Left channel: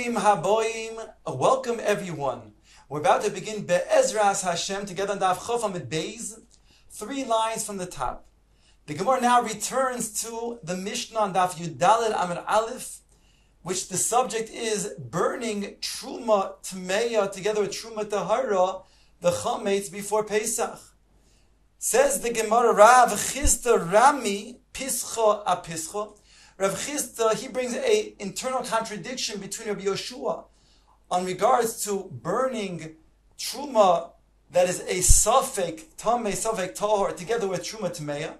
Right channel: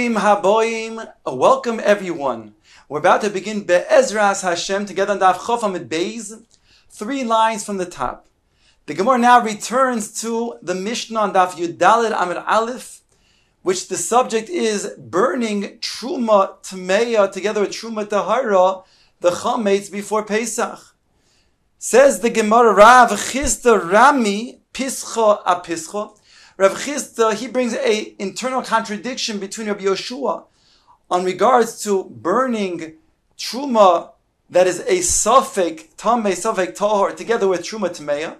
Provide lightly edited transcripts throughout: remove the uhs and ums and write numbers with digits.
Bruchim haboim, welcome everyone. We're about to begin Be'ezras Hashem together on Daf Chof Amud Beis, 3 lines from the top. The Gemara now returns to the Mishnah on Daf Yudalid Amud Aleph, which the subject is burning Truma Tmeya together with Truma Tahara, the Chametz before Pesach. Says the Gemara, Rav Chisda Rami Pischa Apischa. Rav Chisda, he brings an internal contradiction between Rabbi Yoshua on regards to burning Truma that is a Safek Tameh, Safek Tahor, together with Truma Tmeya.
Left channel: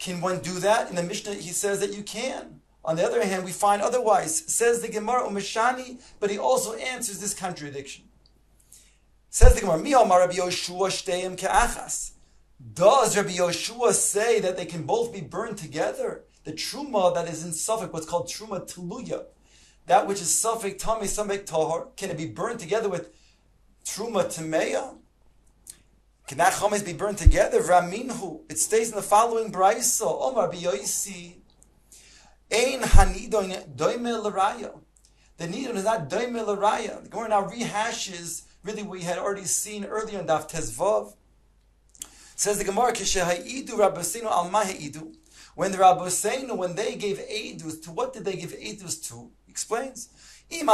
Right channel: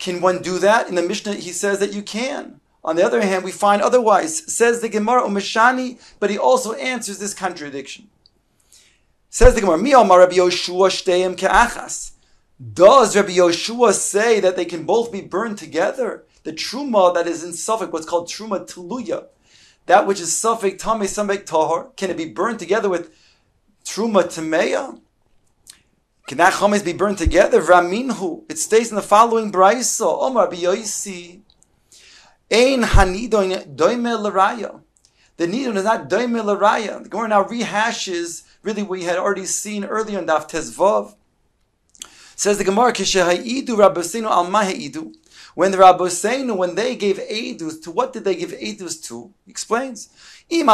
Can one do that? In the Mishnah, he says that you can. On the other hand, we find otherwise. Says the Gemara, Umeshani, but he also answers this contradiction. Says the Gemara, Mi Amar Rabbi Yoshua Shteim Ke'achas. Does Rabbi Yoshua say that they can both be burned together? The Truma that is in Safek, what's called Truma Tuluya, that which is Safek Tameh, Safek Tahor, can it be burned together with Truma Tmeya? Can that Chametz be burned together? Raminhu. It states in the following Braisa, Omar B'Yoisi, Ein Hanidon Doime L'Raya. The Nidon is not Doime L'Raya. The Gemara now rehashes really what we had already seen earlier in Daf Tezvav. Says the Gemara, Kisheha'idu Rabbeinu al Maha'idu. When the Rabbeinu, when they gave edus, to what did they give edus to? He explains, if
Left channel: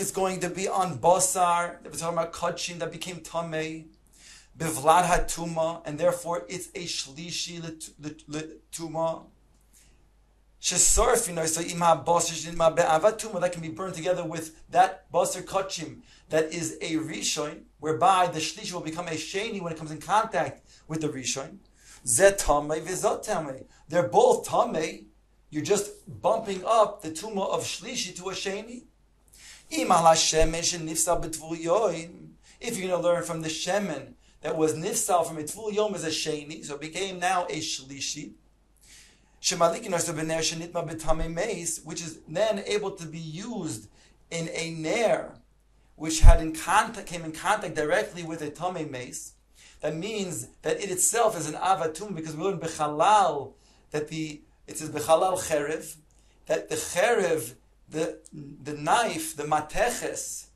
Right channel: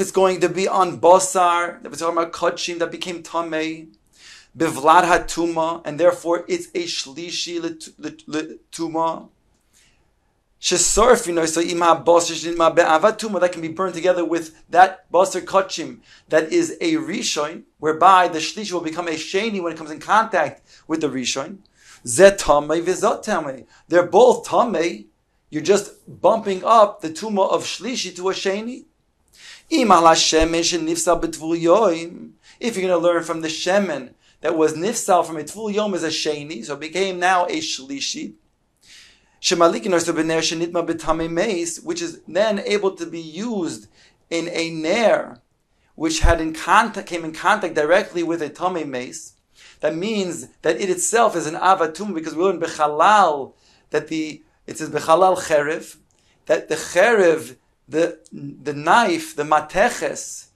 it's going to be on basar, that we're talking about kachim that became tamei, bivlad hatuma, and therefore it's a shlishi tuma. Shesorfino, so ima basar shenitma be'avatuma, that can be burned together with that basar kachim that is a rishon, whereby the shlishi will become a sheni when it comes in contact with the rishon. Zet tamei v'zot tamei. They're both tamei. You're just bumping up the tuma of shlishi to a sheni. If you're going to learn from the shemen that was nifsal from a tvul yom as a sheni, so it became now a shlishi, which is then able to be used in a ner, which came in contact directly with a tamei mace. That means that it itself is an avatum, because we learn bechalal that it says bechalal cherev, that the cherev, the knife, the mateches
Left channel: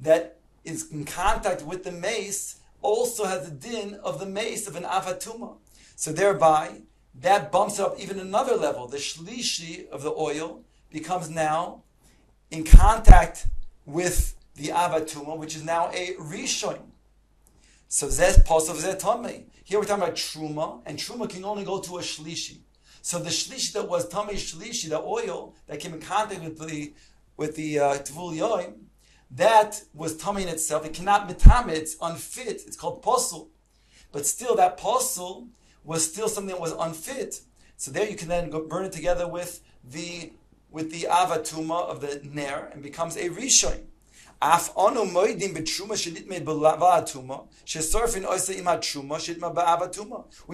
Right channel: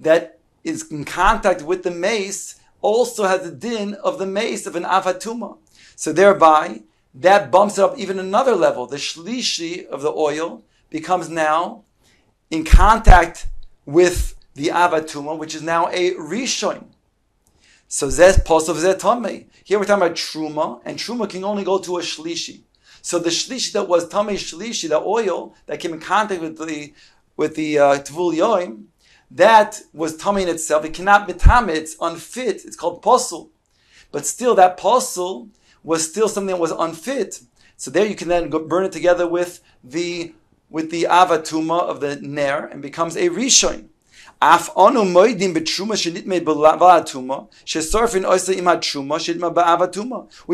that is in contact with the mace also has the din of the mace of an avatuma. So thereby that bumps it up even another level. The shlishi of the oil becomes now in contact with the avatuma, which is now a rishon. So zeh posov zeh tamei. Here we're talking about truma, and truma can only go to a shlishi. So the shlishi that was tamei shlishi, the oil that came in contact with the tvul yoim, that was tamei in itself. It cannot be tamei. It's unfit. It's called posel. But still, that posel was still something that was unfit. So there you can then go burn it together with the avatuma of the ner, and becomes a rishon. We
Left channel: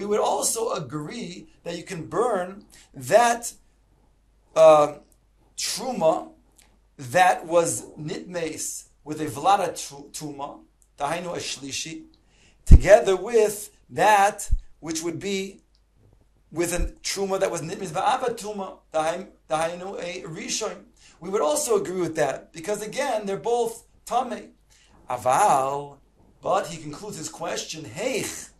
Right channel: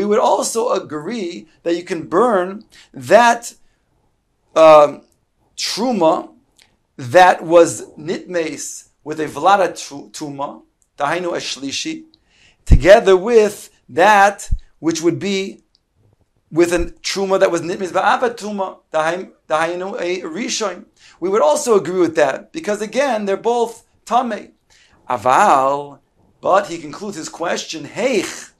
would also agree that you can burn that truma that was nitmeis with a vlada tuma, dahainu a shlishi, together with that which would be with a truma that was nitmeis ba'avatuma, dahainu a rishon. We would also agree with that, because again, they're both tamei. Aval, but he concludes his question, Heich,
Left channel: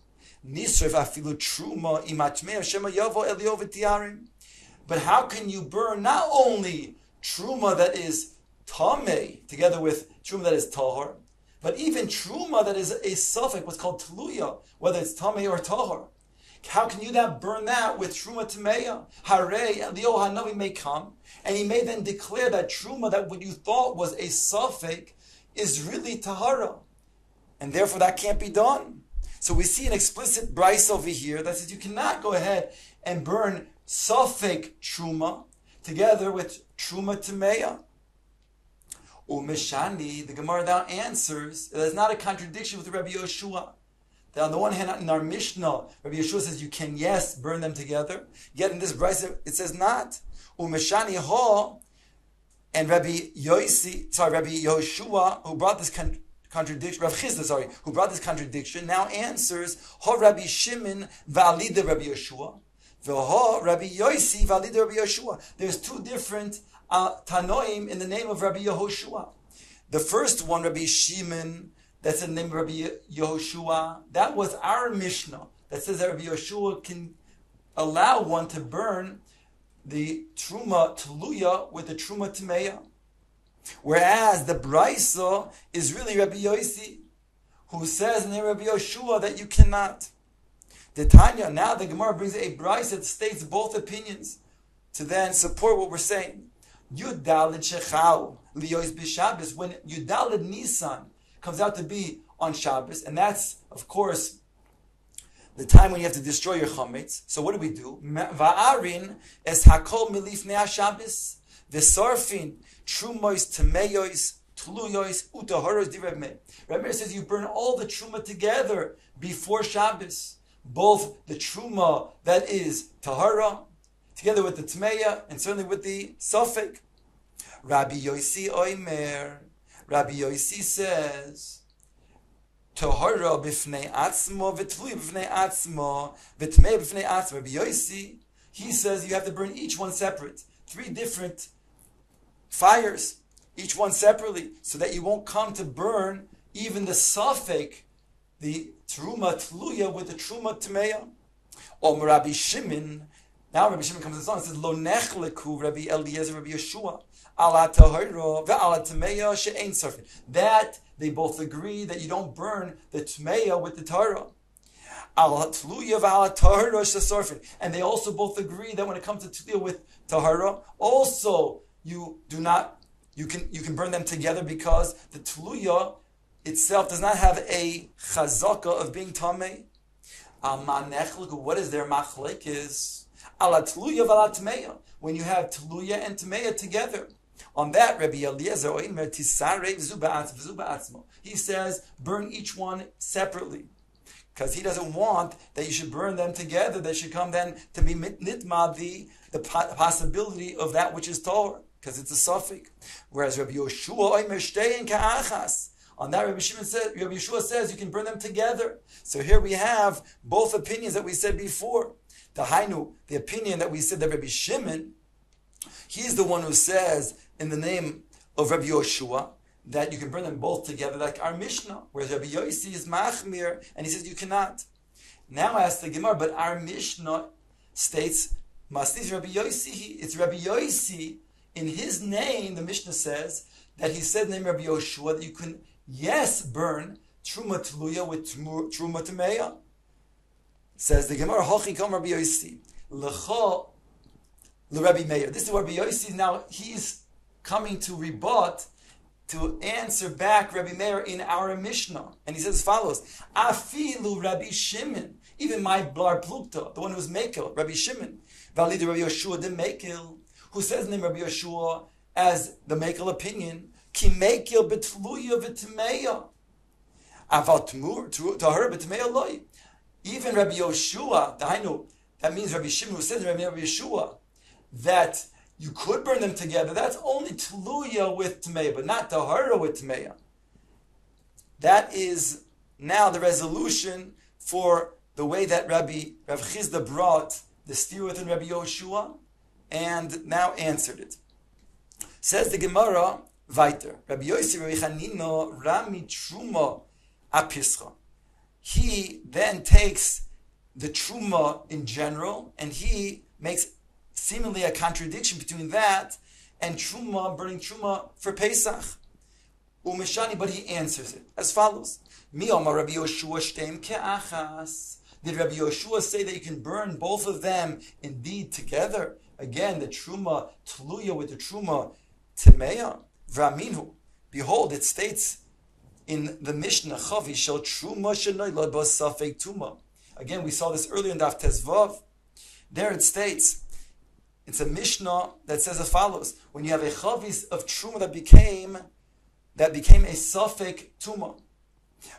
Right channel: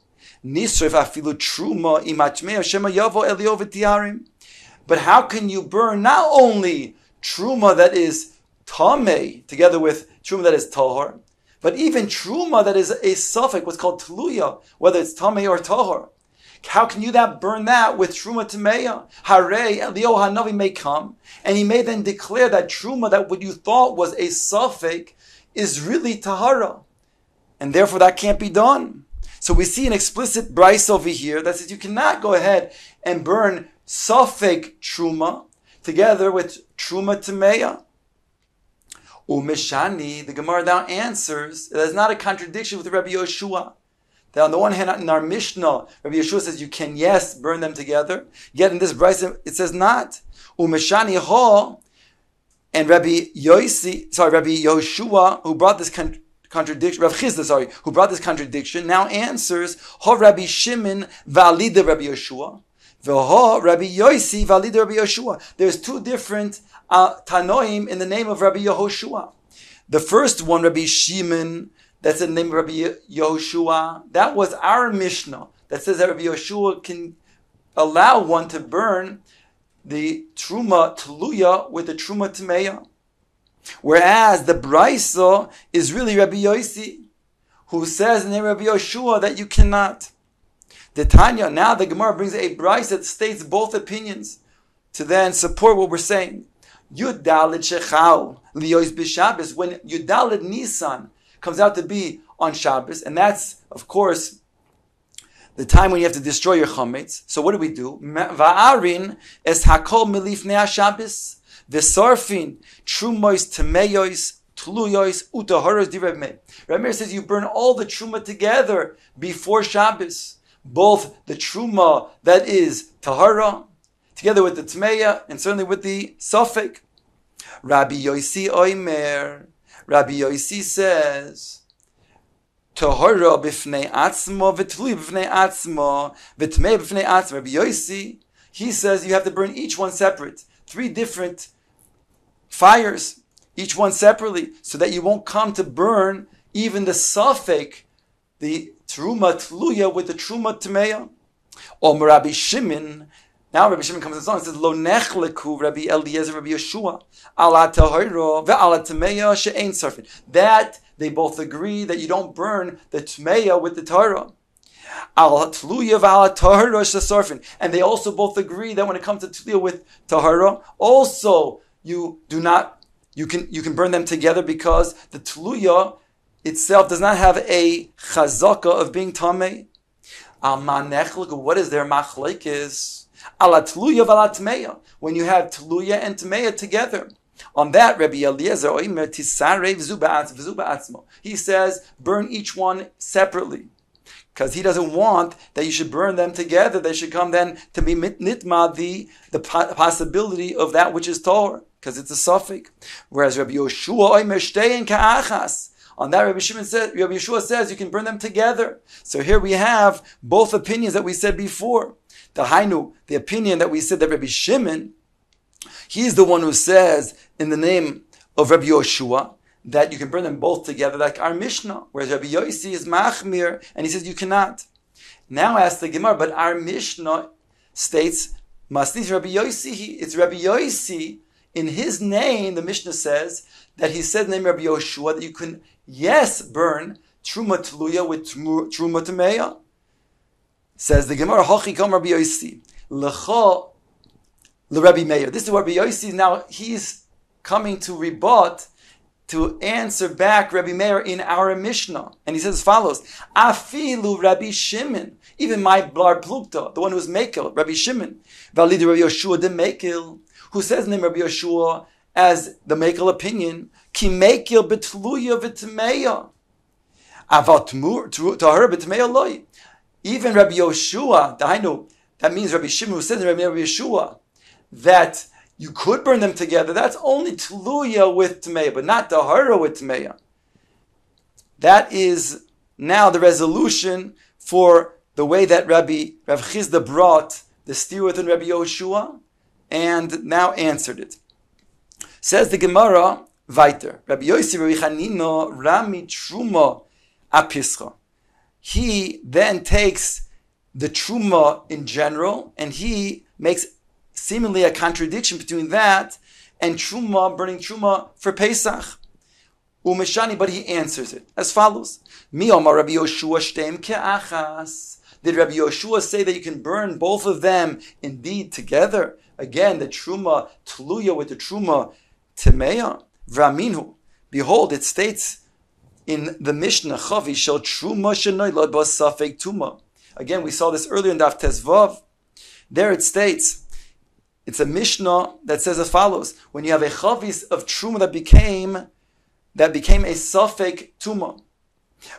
nisref afilu truma imatmei shema yavo elio v'tiarim. But how can you burn not only truma that is tamei, together with truma that is tahor, but even truma that is a suffix, what's called tluya, whether it's tamei or tahor? How can you burn that with Truma Tmeya? Hare Elio Hanavi may come, and he may then declare that Truma, that what you thought was a Safek, is really Tahara. And therefore that can't be done. So we see an explicit Bryce over here that says you cannot go ahead and burn Safek Truma together with Truma Tmeya. Umeshani, the Gemara now answers, there's not a contradiction with Rabbi Yoshua. That on the one hand, in our Mishnah, Rabbi Yeshua says you can, yes, burn them together. Yet in this brayso, it says not. Umeshani ho, and Rabbi Yoshua, who brought this contradiction, Rav Chisda, who brought this contradiction, now answers ho Rabbi Shimon va'alida Rabbi Yoshua. V'ho Rabbi Yosi v'alid Rabbi Yehoshua. There's two different Tanoim in the name of Rabbi Yehoshua. The first one, Rabbi Shimon, that's in the name of Rabbi Yehoshua. That was our Mishnah that says that Rabbi Yehoshua can allow one to burn the Truma Tluya with the Truma Tmeya. Whereas the Braisa is really Rabbi Yosi, who says in the name of Rabbi Yehoshua that you cannot. The Tanya, now the Gemara brings a Braisa that states both opinions to then support what we're saying. Yudalid Shechal Liyos b'Shabbos, when Yudalid Nisan comes out to be on Shabbos, and that's, of course, the time when you have to destroy your chametz. So what do we do? Va'arin es hakol milifnei Shabbos v'sarfin trumois temeyois tluyois utahoros di Reb Meir. Reb Meir says you burn all the truma together before Shabbos, both the truma that is tahara, together with the tmeya, and certainly with the safek. Rabbi Yosi Oimer. Rabbi Yosi says, Tahara b'fnei atzmo, v'tluy b'fnei atzmo, v'tmei b'fnei atzmo. Rabbi Yosi, he says you have to burn each one separate. 3 different fires, each one separately, so that you won't come to burn even the safek, the truma tluya with the truma tmeya. Or Rabbi Shimon. Now Rabbi Shimon comes along and says, Lo nechleku Rabbi Eliezer, Rabbi Yeshua, ala tahira ve'ala tmeya she'ein sarfin. That they both agree that you don't burn the tmeya with the tahara. Ala tluya ve'ala tahira she'sarfin. And they also both agree that when it comes to tluya with tahara, also you can burn them together because the tluya itself does not have a chazaka of being tamei. Al ma nechleku, what is their machlekes? Ala tluya v'ala tmeya, when you have tluya and tmeya together. On that, Rabbi Eliezer oimer tisarev zu ba'atzmo. He says, burn each one separately. Because he doesn't want that you should burn them together. They should come then to be nitma, the possibility of that which is Torah, because it's a suffix. Whereas Rabbi Yehoshua oimer shtein ka'achas. On that, Rabbi Yeshua says you can burn them together. So here we have both opinions that we said before. The Hainu, the opinion that we said that Rabbi Shimon, he's the one who says in the name of Rabbi Yehoshua that you can burn them both together like our Mishnah, whereas Rabbi Yosi is Machmir and he says you cannot. Now ask the Gemara, but our Mishnah states, Masnis Rabbi Yosi, it's Rabbi Yosi, in his name, the Mishnah says that he said in the name of Rabbi Yehoshua that you can, yes, burn Truma Tluya with Truma Tmeya. Says the Gemara, Hachi Kam Rabbi Yosi, Lecha Rabbi Meir. This is what Rabbi Yosi, now he's coming to rebut, to answer back Rabbi Meir in our Mishnah. And he says as follows, Afilu Rabbi Shimon, even my Blar Plukta, the one who was Mekel, Rabbi Shimon, Valid Rabbi Yehoshua de Mekel, who says in the name of Rabbi Yehoshua as the Mekel opinion, Ki Mekel betluya v'tmeya, Aval tahar b'tmeya loy. Even Rabbi Yehoshua, that means Rabbi Shimon, who says in Rabbi Yehoshua that you could burn them together, that's only Tluya with Tmeya, but not Tahara with Tmeya. That is now the resolution for the way that Rav Chizda brought the steer within Rabbi Yehoshua and now answered it. Says the Gemara, weiter, Rabbi Yosi Rabbi Chanina Rami Truma Apischa. He then takes the truma in general, and he makes seemingly a contradiction between that and truma, burning truma for Pesach. Umeshani, but he answers it as follows: Mi omar Rabbi Yehoshua shtem ke'achas. Did Rabbi Yehoshua say that you can burn both of them indeed together? Again, the truma tluya with the truma temeya. V'aminu. Behold, it states in the Mishnah, Chavi shel truma shenoilad b'safek tuma. Again, we saw this earlier in Daf Tezvav. There it states, it's a Mishnah that says as follows: when you have a chavis of truma that became a safek tuma.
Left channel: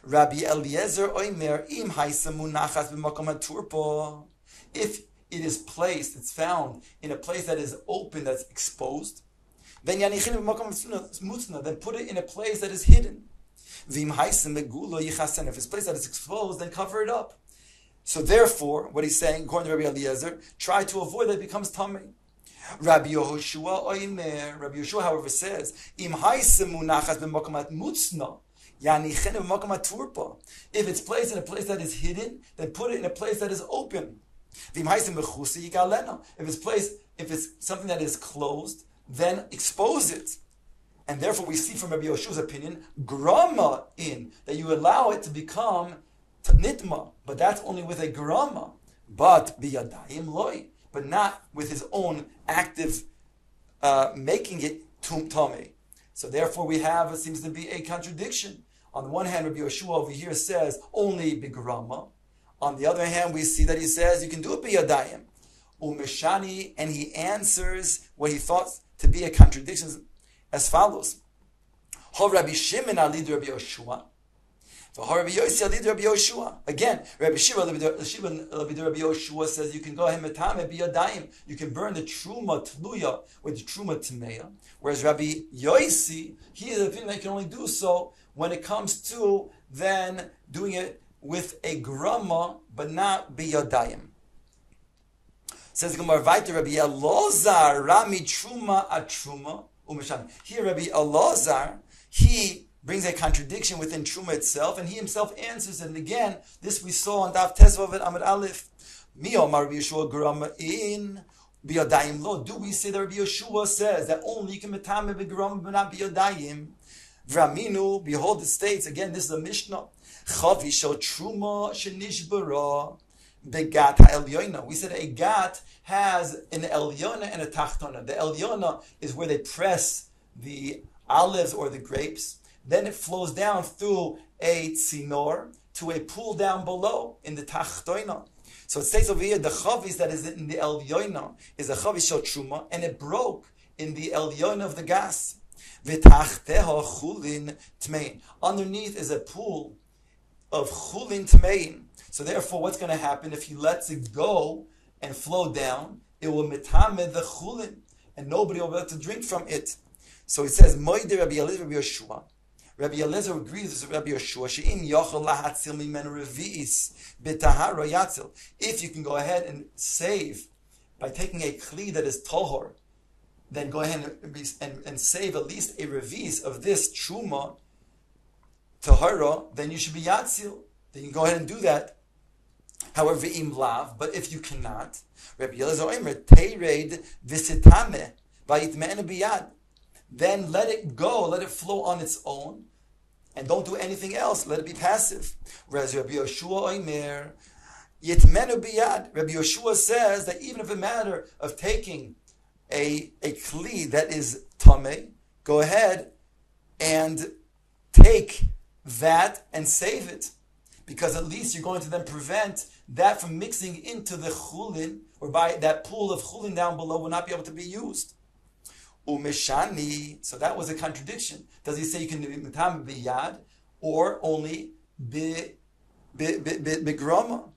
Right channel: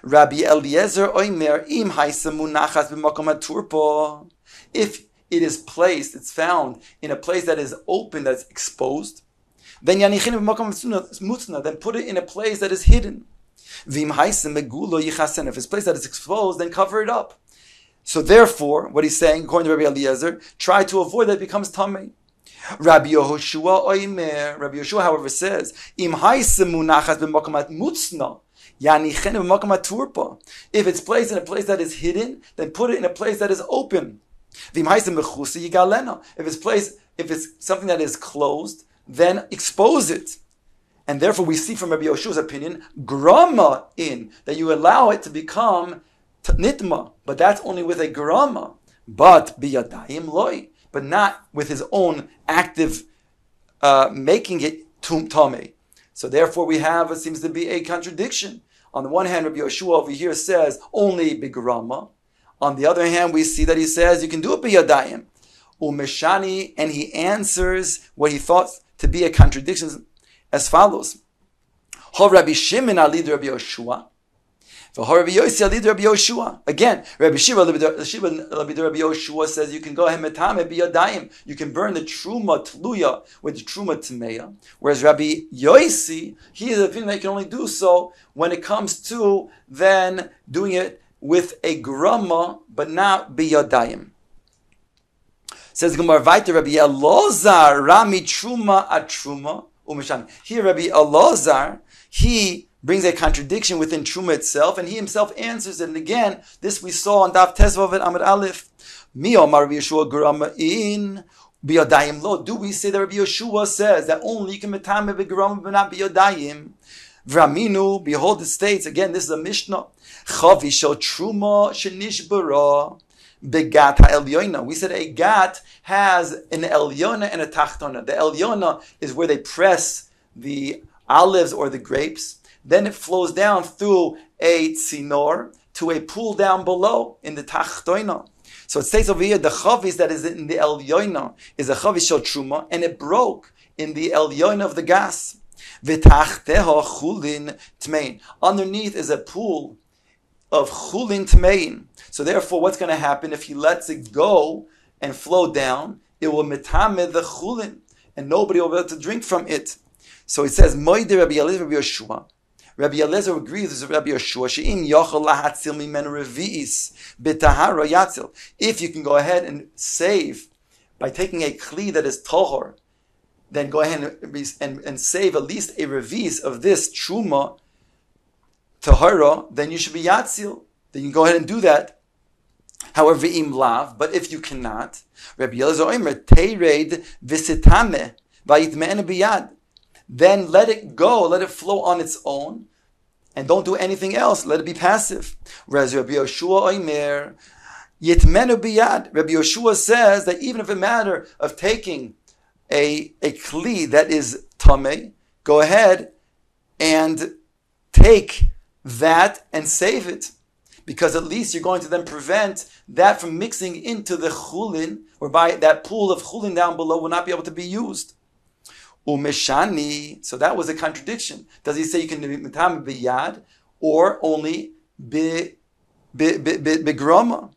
Rabbi Eliezer oimer im haisa munachas b'makom haturpo. If it is placed, it's found in a place that is open, that's exposed, then yanichin b'makom mutzna, then put it in a place that is hidden. If it's a place that is exposed, then cover it up. So therefore, what he's saying, according to Rabbi Eliezer, try to avoid that it becomes tamei. Rabbi Yehoshua Oimer. Rabbi Yehoshua, however, says, Im munachas b'makamat mutzna, yani chen b'makamat turpa. If it's placed in a place that is hidden, then put it in a place that is open. V'im mechusa yigalena. If it's something that is closed, then expose it. And therefore, we see from Rabbi Yehoshua's opinion, grama in, that you allow it to become nitma, but that's only with a grama. But biyadayim loy, but not with his own active making it tamei. So therefore we have, it seems to be a contradiction. On the one hand, Rabbi Yehoshua over here says only bigrama. On the other hand, we see that he says you can do it biyadayim. Umeshani, and he answers what he thought to be a contradiction as follows. Hov Rabbi Shimon alid Rabbi Yehoshua. Rabbi Yossi alid Rabbi Yehoshua. Again, Rabbi Shiva Rabbi Yehoshua says you can go ahead metame biyadayim. You can burn the truma tluya with the truma tmeya. Whereas Rabbi Yossi, he is of the opinion that you can only do so when it comes to then doing it with a grama, but not biyadayim. Says Gemara Vaiter Rabbi Elazar Rami Truma Atruma Umeshan. Here Rabbi Elazar, he brings a contradiction within Truma itself, and he himself answers it. And again, this we saw on Daf Tesvav at Amud Aleph. Mi Omar Rabbi Yeshua Grama in biyadayim lo. Do we say that Rabbi Yeshua says that only you can metame begrama but not biyadayim? V'raminu, behold, it states again. This is a Mishnah. Chavi shel Truma shenishbara. Begat ha'elyona. We said a gat has an elyona and a tachtona. The elyona is where they press the olives or the grapes. Then it flows down through a tzinor to a pool down below in the tachtona. So it states over here the chavis that is in the elyona is a chavis shel truma, and it broke in the elyona of the gas. V'tachteha chulin tmein. Underneath is a pool of chulin tmein. So therefore, what's going to happen if he lets it go and flow down? It will metame the chulin, and nobody will be able to drink from it. So it says, Moide Rabbi Eliezer Rabbi Yehoshua. Rabbi Eliezer agrees with Rabbi Yehoshua. She'im yochel lahatzil mimenu revi'is b'tahara yatzil. If you can go ahead and save by taking a kli that is tohor, then go ahead and save at least a revi'is of this truma tahara, then you should be yatzil. Then you can go ahead and do that. However, im lav, but if you cannot, Rabbi Eliezer Omer teired visitame vayitme'ene biyad. Then let it go, let it flow on its own, and don't do anything else. Let it be passive. Whereas Rabbi Yehoshua Omer yitmenu biyad. Rabbi Yehoshua says that even if a matter of taking a kli that is tamei, go ahead and take that and save it. Because at least you're going to then prevent that from mixing into the chulin, whereby that pool of chulin down below will not be able to be used. Umeshani, so that was a contradiction. Does he say you can do mitam biyad or only begrama?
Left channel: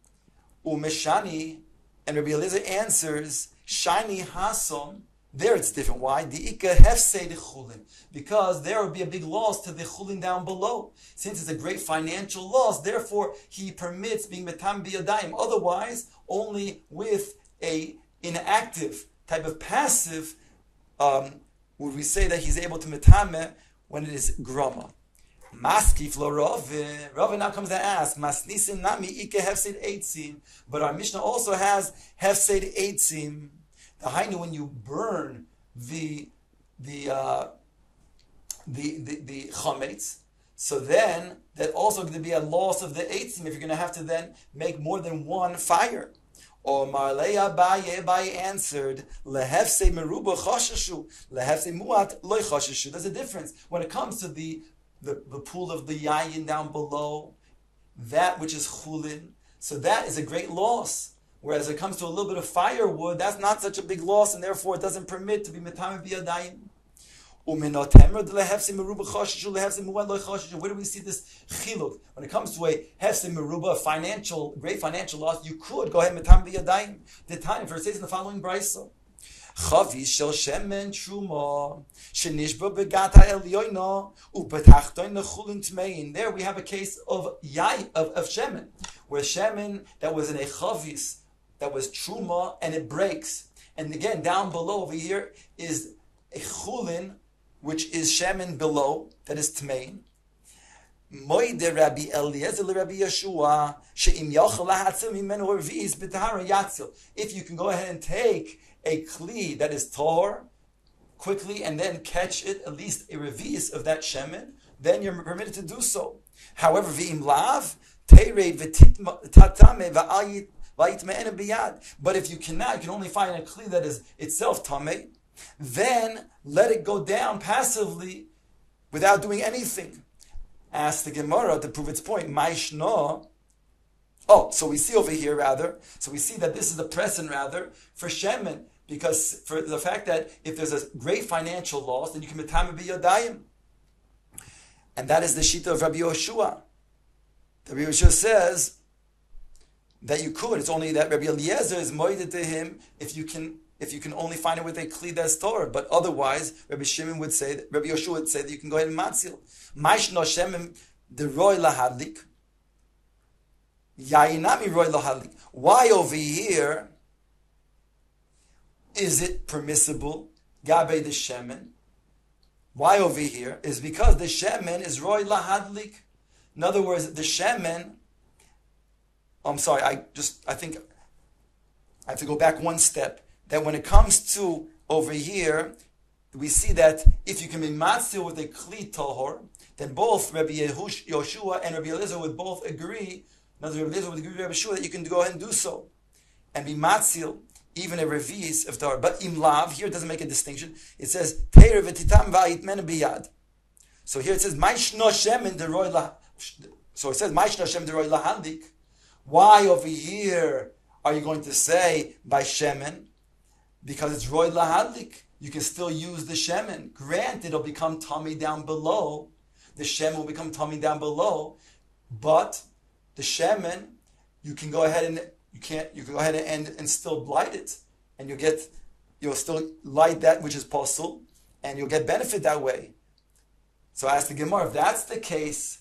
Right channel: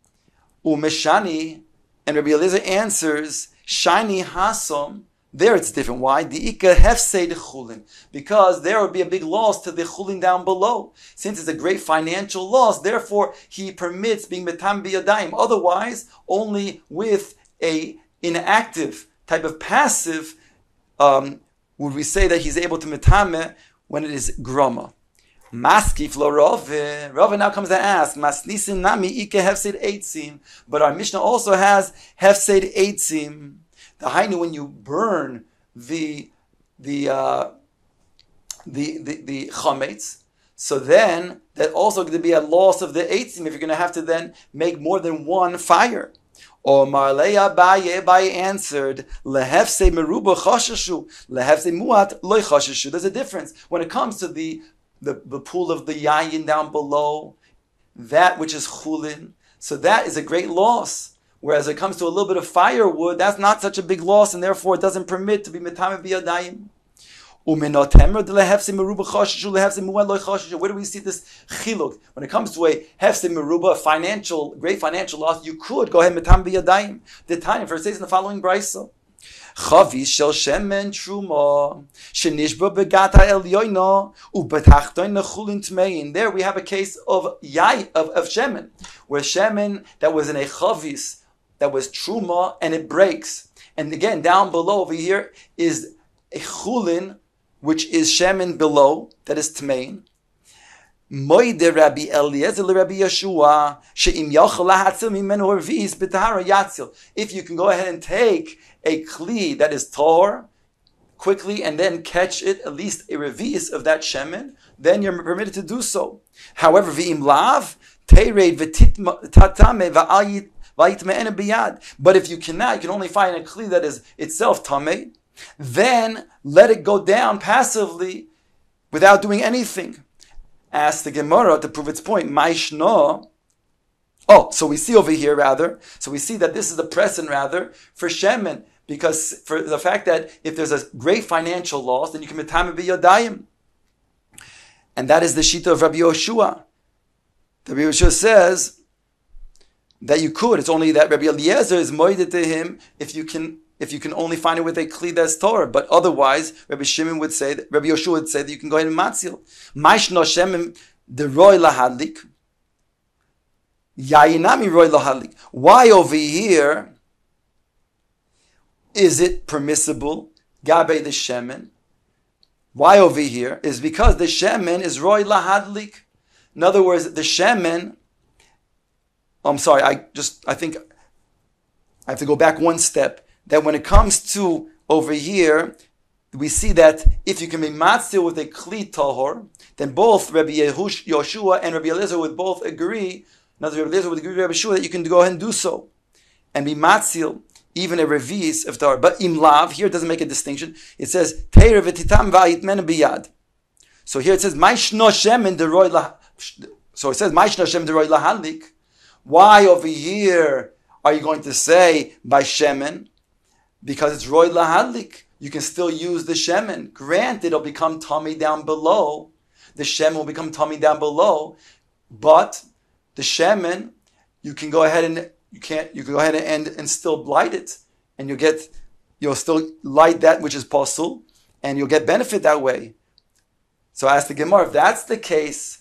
Umeshani, and Rabbi Eliezer answers, shani hasom. There it's different. Why? The Ika hefsei the chulin. Because there would be a big loss to the chulin down below. Since it's a great financial loss, therefore he permits being metam biyadayim. Otherwise, only with a inactive type of passive would we say that he's able to metame when it is grama. Maskif lo Rove. Rove now comes to ask, Masnisin nami Ika hefsei eitzim. But our Mishnah also has hefsei eitzim. The hainu, when you burn the chametz, so then that also going to be a loss of the eitzim if you're going to have to then make more than one fire. Or Marleya Abaye answered, Lehefse meruba chashashu, lehefse muat loy chashashu. There's a difference when it comes to the pool of the yayin down below, that which is chulin. So that is a great loss. Whereas it comes to a little bit of firewood, that's not such a big loss, and therefore it doesn't permit to be metame biyadayim. Where do we see this chiluk? When it comes to a hefse meruba, great financial loss, you could go ahead metame biyadayim. The time for it says in the following brisa. Chavi shel shemen truma shenishba begata elyoina ubetachtoin chulin tmein. There we have a case of shemen, where shemen that was in a chavis, that was truma, and it breaks. And again, down below over here is a chulin, which is shemen below, that is tmein. Moide Rabbi Eliezer Rabbi Yeshua she'im yachal lahatzil mimenu revis b'tahara yatzil. If you can go ahead and take a kli that is tahor quickly and then catch it, at least a revis of that shemen, then you're permitted to do so. However, v'im lav tered v'tatame v'ayit me'ena biyad. But if you cannot, you can only find a kli that is itself tameh, then let it go down passively without doing anything. Ask the Gemara to prove its point. Maishno. So we see over here so we see that this is the precedent for shemen, because for the fact that if there's a great financial loss, then you can metame b'yodayim. And that is the shita of Rabbi Yoshua. Rabbi Yoshua says that you could. It's only that Rabbi Eliezer is moided to him if you can only find it with a kli that's Torah. But otherwise, Rabbi Yoshua would say that you can go ahead and matzil. Maishno shemen de roy lahadlik. Yayinami roy lahadlik. Why over here is it permissible? Gabe the shemen. Why over here is because the shemen is roy lahadlik. In other words, the shemen. I'm sorry. I think I have to go back one step. That when it comes to over here, we see that if you can be matzil with a kli tahor, then both Rabbi Yoshua and Rabbi Eliezer would both agree. Rabbi Eliezer would agree with Rabbi Yoshua that you can go ahead and do so, and be matzil even a revis of tahor. But imlav here it doesn't make a distinction. It says teir v'titam va'yitmen biyad. So here it says ma'ishno shemen deroy la. So it says ma'ishno shemen deroy lahalik. Why over here are you going to say by shemen? Because it's roy lahadlik. You can still use the shemen. Granted, it'll become tummy down below. The shemen will become tummy down below, but the shemen, you can go ahead and still light it, and you'll still light that which is possible, and you'll get benefit that way. So ask the Gemara, if that's the case,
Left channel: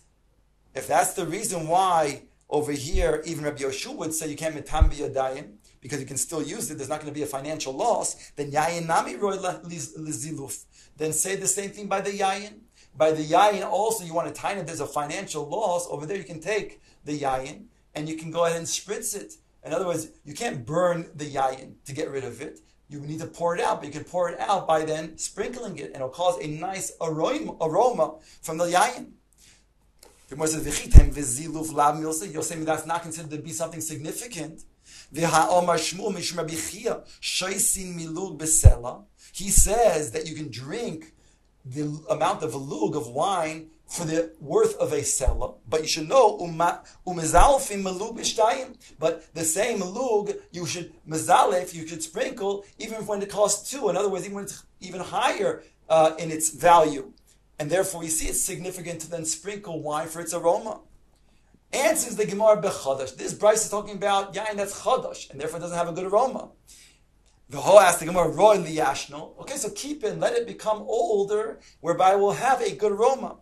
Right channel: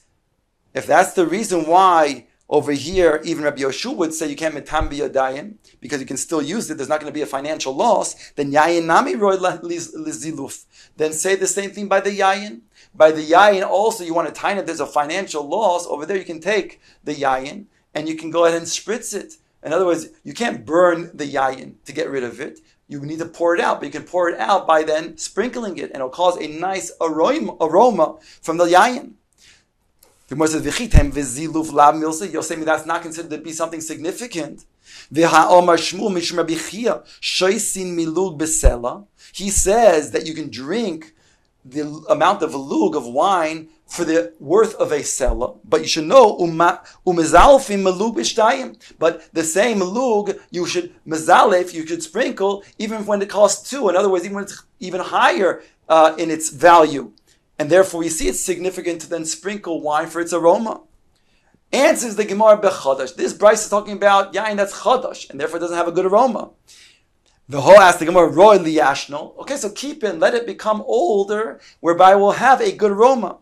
if that's the reason why over here, even Rabbi Yoshua would say you can't metam b'yadayim, because you can still use it, there's not going to be a financial loss, then yayin nami roy liziluf. Then say the same thing by the yayin. By the yayin also, you want to tie it, there's a financial loss, over there you can take the yayin, and you can go ahead and spritz it. In other words, you can't burn the yayin to get rid of it. You need to pour it out, but you can pour it out by then sprinkling it, and it'll cause a nice aroma from the yayin. The Gemara says, you'll say me that's not considered to be something significant. He says that you can drink the amount of a lug of wine for the worth of a sela, but you should know but the same lug you should mezalef, you should sprinkle even when it costs 2. In other words, even when it's even higher in its value. And therefore, we see it's significant to then sprinkle wine for its aroma. Answers the Gemara bechadash. This Bryce is talking about yain that's chadash, and therefore it doesn't have a good aroma. The whole asks the Gemara roy liyashno. Okay, so keep it, let it become older, whereby it will have a good aroma.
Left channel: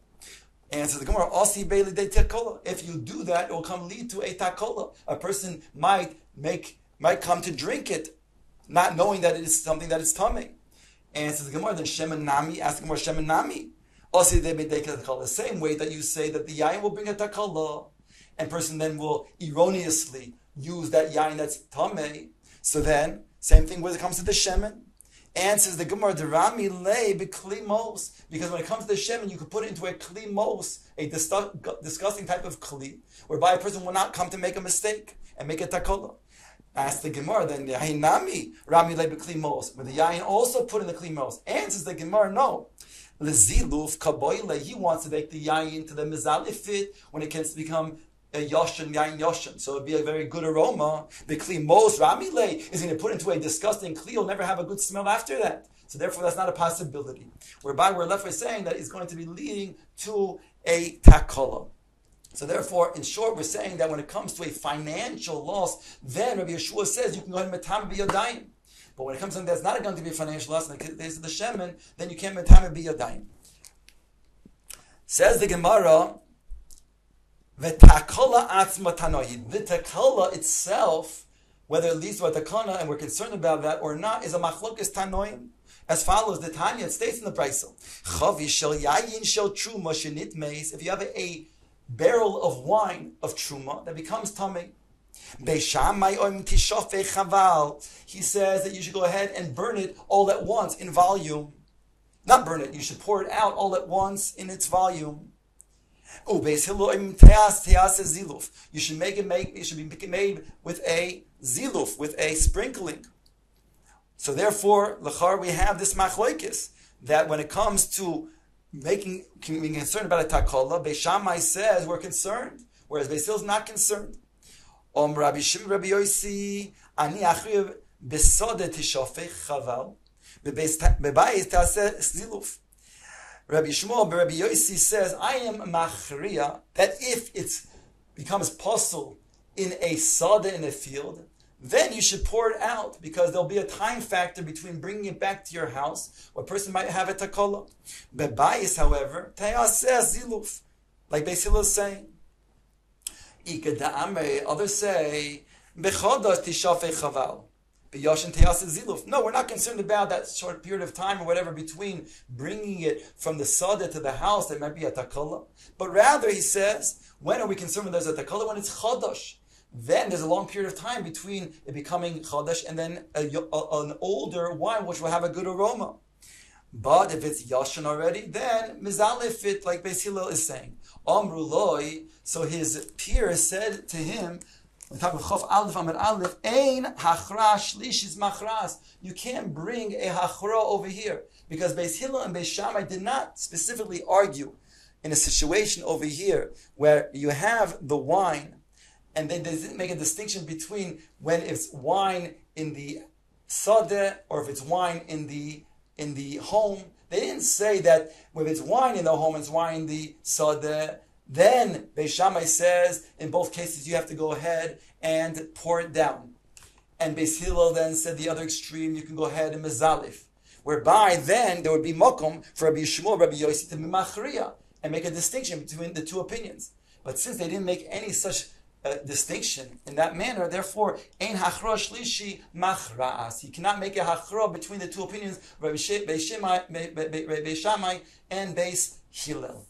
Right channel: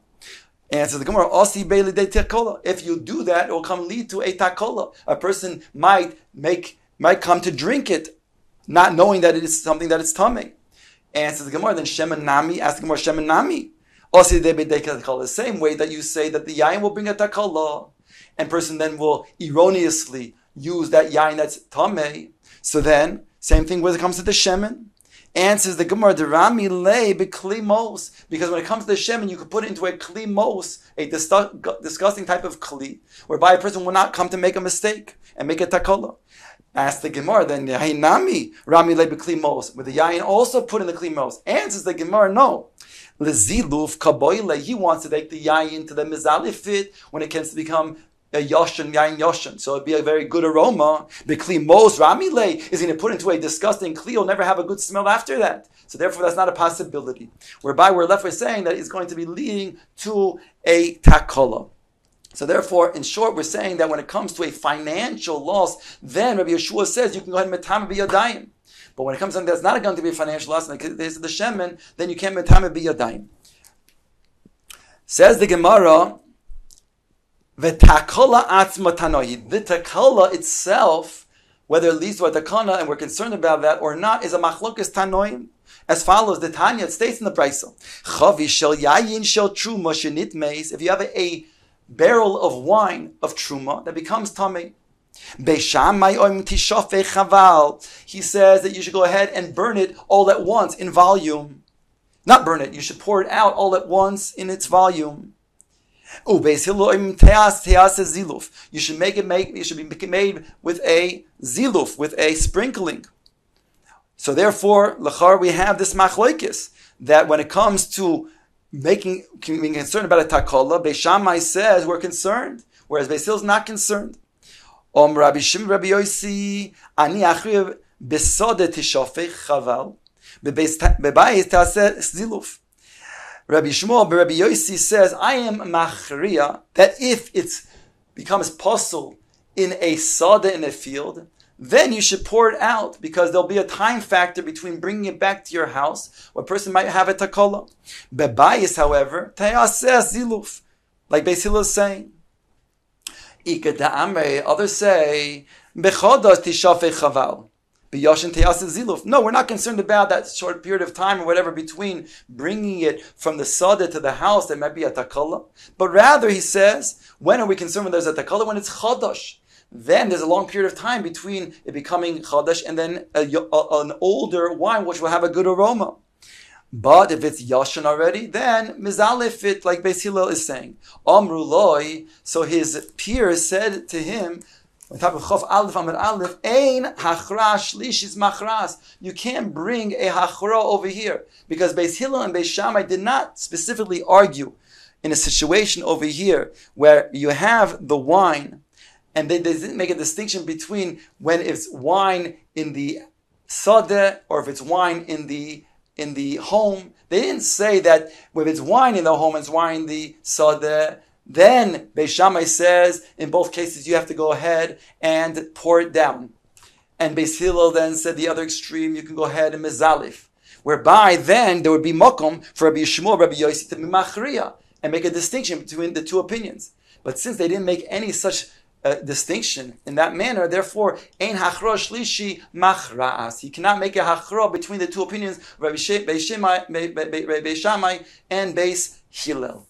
Answers the Gemara osi beili de takola. If you do that, it will lead to a takola. A person might come to drink it, not knowing that it is something that is tamei. Answers the Gemara then shemen nami. Ask the Gemara shemen nami. The same way that you say that the yain will bring a takala, and person then will erroneously use that yain that's tamei. So then, same thing when it comes to the shemen. Answers the Gemara, derami lei bekli mos, because when it comes to the shemen, you could put it into a kli mos, a disgusting type of kli, whereby a person will not come to make a mistake and make a takala. Ask the Gemara, then yainami rami lei bekli mos, with the yain also put in the kli mos. Answers the Gemara, no. Leziluf kaboile, he wants to take the yain to the mizalifit when it can become a yoshan, yain yoshan. So it'd be a very good aroma. The kli mos ramile is going to put into a disgusting kli. You'll never have a good smell after that. So therefore, that's not a possibility. Whereby we're left with saying that it's going to be leading to a takola. So therefore, in short, we're saying that when it comes to a financial loss, then Rabbi Yeshua says you can go ahead and metame b'yadayim. But when it comes to something that's not going to be a financial loss, in the case of the shemen, then you can't metame b'yadayim. Says the Gemara, V'takola atzma tanohi. The takola itself, whether it leads to a takana, and we're concerned about that or not, is a machlokas tanoim. As follows, the Tanya, it states in the Brisa, Chavi shel yayin shel truma shenit meis. If you have a barrel of wine of truma that becomes tamei, Beishamai oim tishofei chaval. He says that you should go ahead and burn it all at once in volume. Not burn it, you should pour it out all at once in its volume. You should make it made with a ziluf, with a sprinkling. So therefore, lachar, we have this machloikis that when it comes to being concerned about a takola, Beis Shammai says we're concerned, whereas Beis Hillel is not concerned. Rabbi Shimon, Rabbi Yosi, ani achriv besode tishofech chaval, bebayis taseh ziluf. Rabbi Shmuel, Rabbi Yosi says, I am machriya that if it becomes possible in a sada in a field, then you should pour it out, because there'll be a time factor between bringing it back to your house, where a person might have a takola. Bebayis, however, tayaseh ziluf, like Beis Hillel is saying. Others say, bechodos tishafei chaval. No, we're not concerned about that short period of time or whatever between bringing it from the sada to the house that might be a takala. But rather, he says, when are we concerned when there's a takala? When it's chadash. Then there's a long period of time between it becoming chadash and then an older wine which will have a good aroma. But if it's yashan already, then mizalef it, like Beis Hillel is saying. Amru loi, so his peers said to him, on top of Chof Aleph Amud Aleph, Ein hachra shlishis machras. You can't bring a hachra over here, because Beis Hillel and Beis Shammai did not specifically argue in a situation over here where you have the wine, and they didn't make a distinction between when it's wine in the sadeh or if it's wine in the home. They didn't say that if it's wine in the home, it's wine in the sadeh. Then Beis Shammai says, in both cases, you have to go ahead and pour it down. And Beis Hillel then said the other extreme, you can go ahead and mezalif. Whereby then there would be mokum for Rabbi Shmuel, Rabbi Yosi to be machriya and make a distinction between the two opinions. But since they didn't make any such distinction in that manner, therefore, ein hachra shlishi machraas. He cannot make a hachra between the two opinions, Beis Shammai and Beis Hillel.